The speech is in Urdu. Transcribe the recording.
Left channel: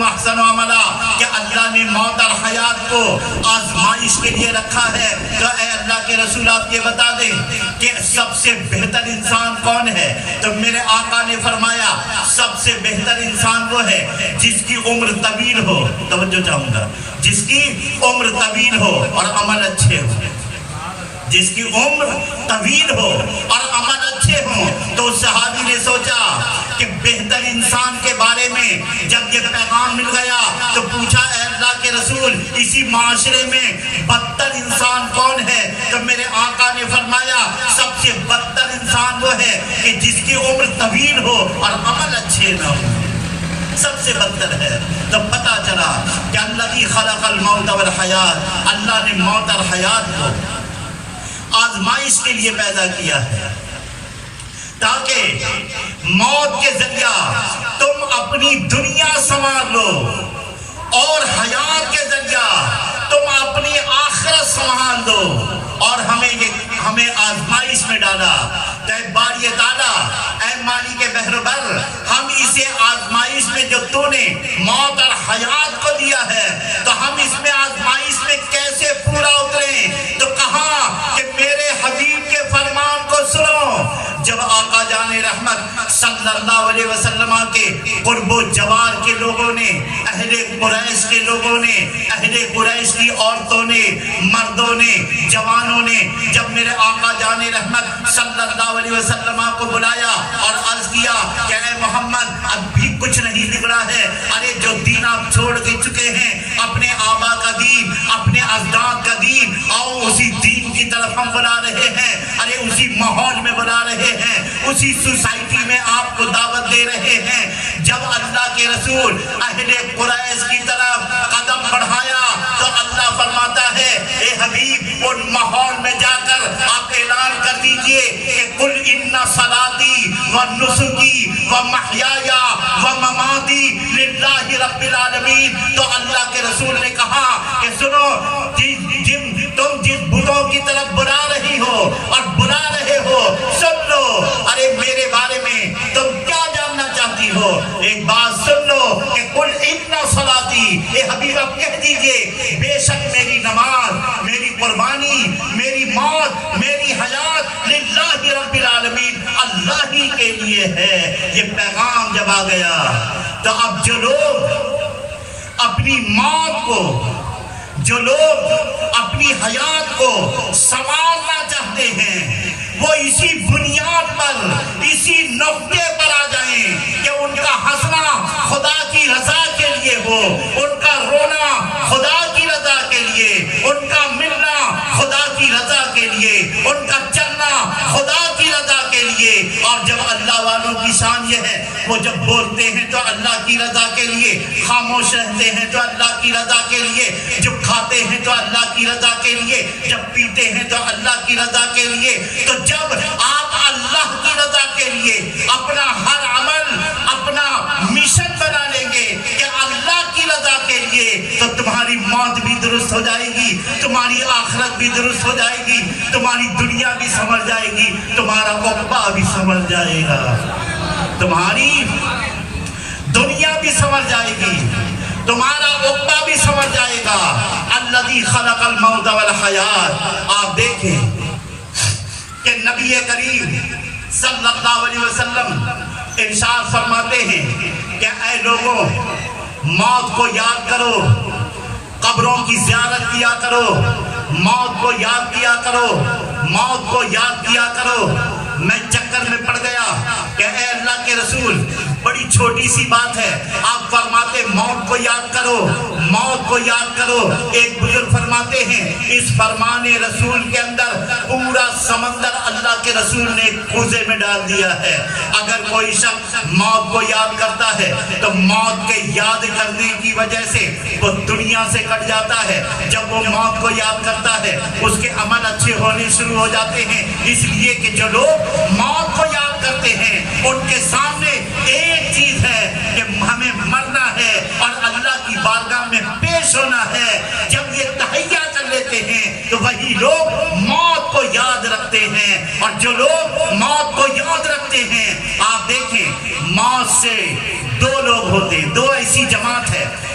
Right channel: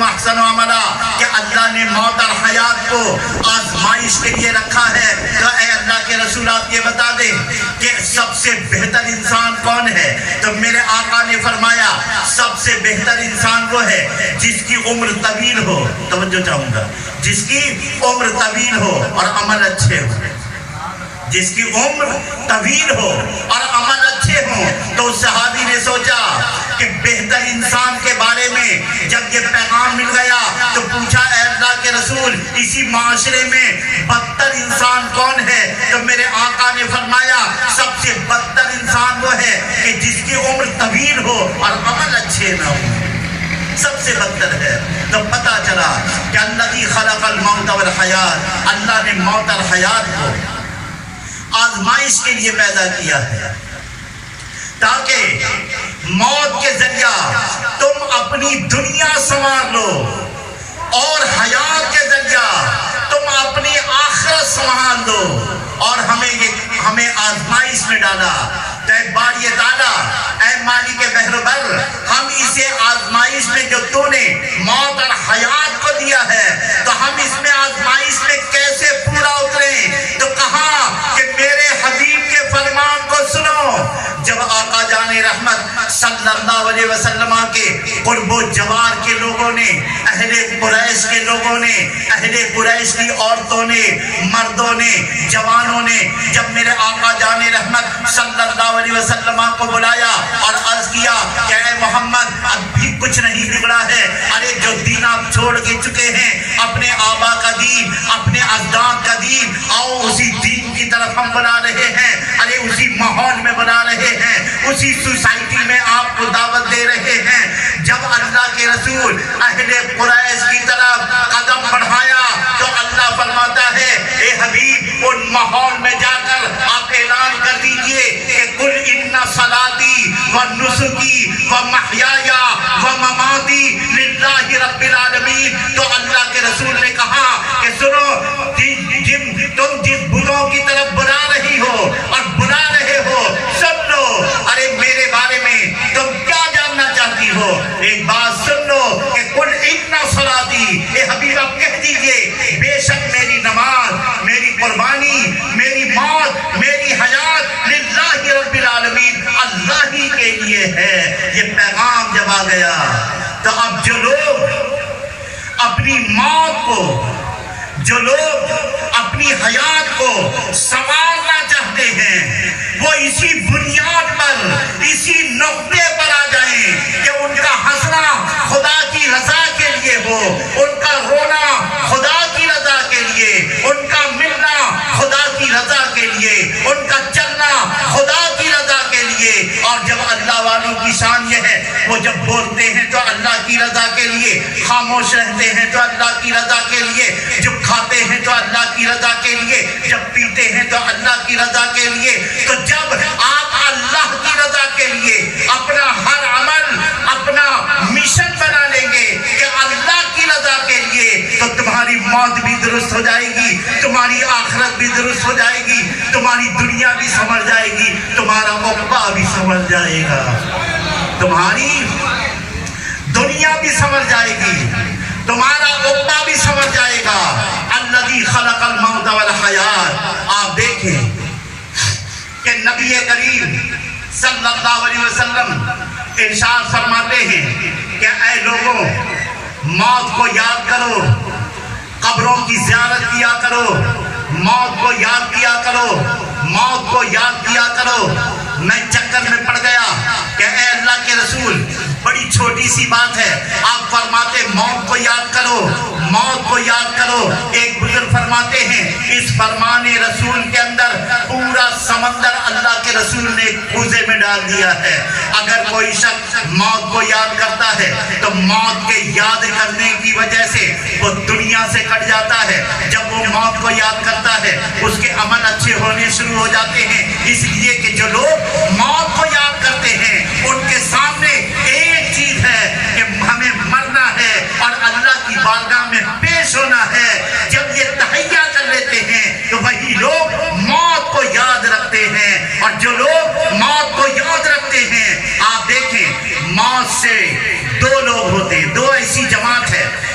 خیرکم احسن عملا کہ اللہ نے موت اور حیات کو آزمائش کے لیے رکھا ہے. تو اے اللہ کے رسول آپ یہ بتا دیں کہ سب سے بہتر انسان کون ہے؟ تو میرے آقا نے فرمایا سب سے بہتر انسان وہ ہے جس کی عمر طویل ہو. توجہ چاہوں گا، جس کی عمر طویل ہو اور عمل اچھے ہو. جس کی عمر طویل ہو اور عمل اچھے ہوں. تو صحابی نے سوچا کہ بہتر انسان کے بارے میں جب یہ پیغام مل گیا تو پوچھا اے اللہ کے رسول اسی معاشرے میں بدتر انسان کون ہے؟ تو میرے آقا نے فرمایا سب سے بدتر انسان وہ ہے کہ جس کی عمر طویل ہو اور عمل اچھے نہ ہو. سب سے بدتر ہے. تو پتا چلا کہ اللہ کی خلق الموت والحیات، اللہ نے موت اور حیات کو آزمائش کے لیے پیدا کیا ہے تاکہ موت کے ذریعہ تم اپنی دنیا سنوار لو اور حیات کے ذریعہ تم اپنی آخرت سنبھال دو. اور ہمیں آزمائش میں ڈالا. تو اے باری تعالیٰ، اے مالک بحر بر، ہم اسے آزمائش میں جو تو نے موت اور حیات کو دیا ہے تو ہم اس میں آزمائش میں کیسے پورا اتریں؟ تو کہا کہ میرے حبیب کے فرمان کو سنو. جب آقا جان رحمت صلی اللہ علیہ وسلم کے قرب و جوار کے لوگوں نے، اہل قریش کے لوگوں نے، اہل قریش کی عورتوں نے، مردوں نے، جوانوں نے جب میرے آقا جان رحمت صلی اللہ علیہ وسلم کو بلایا اور عرض کیا کہ اے محمد اب بھی کچھ نہیں بگڑا ہے. ارے جو دین آپ چھوڑ کے چکے ہیں، اپنے آبا کا دین، اپنے اجداد کا دین، آؤ اسی دین کی طرف ہم بلا رہے ہیں. ارے اسی ماحول میں بلا رہے ہیں، اسی سوسائٹی میں آپ کو دعوت دے رہے ہیں. جب اللہ کے رسول اہل قریش کی طرف قدم بڑھایا تو اللہ فرماتا ہے اے حبیب ان ماحول میں جا کر آپ اعلان کر دیجئے کہ قل ان صلاتی و نسکی و محیایا و مماتی للہ رب العالمین. تو اللہ کے رسول نے کہا کہ سنو، تم جس بتوں کی طرف بلا رہی ہو اور بلا رہے ہو سن لو. ارے میرے بارے میں تم کیا جاننا چاہتی ہو؟ ایک بات سن لو کہ قل ان صلاتی، اے حبیب اب کہہ دیجئے بے شک میری نماز، میری قربانی، میری موت، میری حیات للہ رب العالمین، اللہ ہی کے لیے ہے. یہ پیغام جب آ گیا تو اب جو لوگ اپنی موت کو، جو لوگ اپنی حیات کو سنوارنا چاہتے ہیں وہ اسی بنیاد پر، اسی نقطے پر آ جائیں کہ ان کا ہنسنا خدا کی رضا کے لیے ہو، ان کا رونا خدا کی رضا کے لیے، ان کا ملنا خدا کی رضا کے لیے، ان کا چلنا خدا کی رضا کے لیے. اور جب اللہ والوں کی شان یہ ہے وہ جب بولتے ہیں تو اللہ کی رضا کے لیے، خاموش رہتے ہیں تو اللہ کی رضا کے لیے، جب کھاتے ہیں تو اللہ کی رضا کے لیے، جب پیتے ہیں تو اللہ کی رضا کے لیے. تو جب آپ اللہ کی رضا کے لیے اپنا ہر عمل، اپنا مشن بنا لیں گے کہ اللہ کی رضا کے لیے، تو تمہاری موت بھی درست ہو جائے گی، تمہاری آخرت بھی درست ہو جائے گی، تمہاری دنیا بھی سنور جائے گی، تمہارا عقبہ بھی سنور جائے گا، تمہاری دنیا بھی سنور جائے گی، تمہارا عقبہ بھی سنور جائے گا. الذی خلق الموت والحیات. آپ دیکھیں کہ نبی کریم صلی اللہ علیہ وسلم ارشاد فرماتے ہیں کہ اے لوگوں موت کو یاد کرو، قبروں کی زیارت کیا کرو، موت کو یاد کیا کرو، موت کو یاد کیا کرو. میں چکر میں پڑ گیا کہ اے اللہ کے رسول بڑی چھوٹی سی بات ہے، آپ فرماتے موت کو یاد کرو، موت کو یاد کرو. ایک بزرگ فرماتے ہیں اس فرمان رسول کے اندر پورا سمندر اللہ کے رسول نے کوزے میں ڈال دیا ہے. اگر کوئی شخص موت کو یاد کرتا ہے تو موت کے یاد کرنے کی وجہ سے وہ دنیا سے کٹ جاتا ہے. جب وہ موت کو یاد کرتا ہے اس کے عمل اچھے ہونے شروع ہو جاتے ہیں. اس لیے کہ جو لوگ موت کو یاد کرتے ہیں ان کے سامنے ایک چیز ہے کہ ہمیں مرنا ہے اور اللہ کی بارگاہ میں پیش ہونا ہے. جب یہ تہیا کر لیتے ہیں تو وہی لوگ موت کو یاد رکھتے ہیں. اور جو لوگ موت کو یاد رکھتے ہیں، آپ دیکھیں موت سے دو لوگ ہوتے ہیں، دو ایسے ایسی جماعت ہے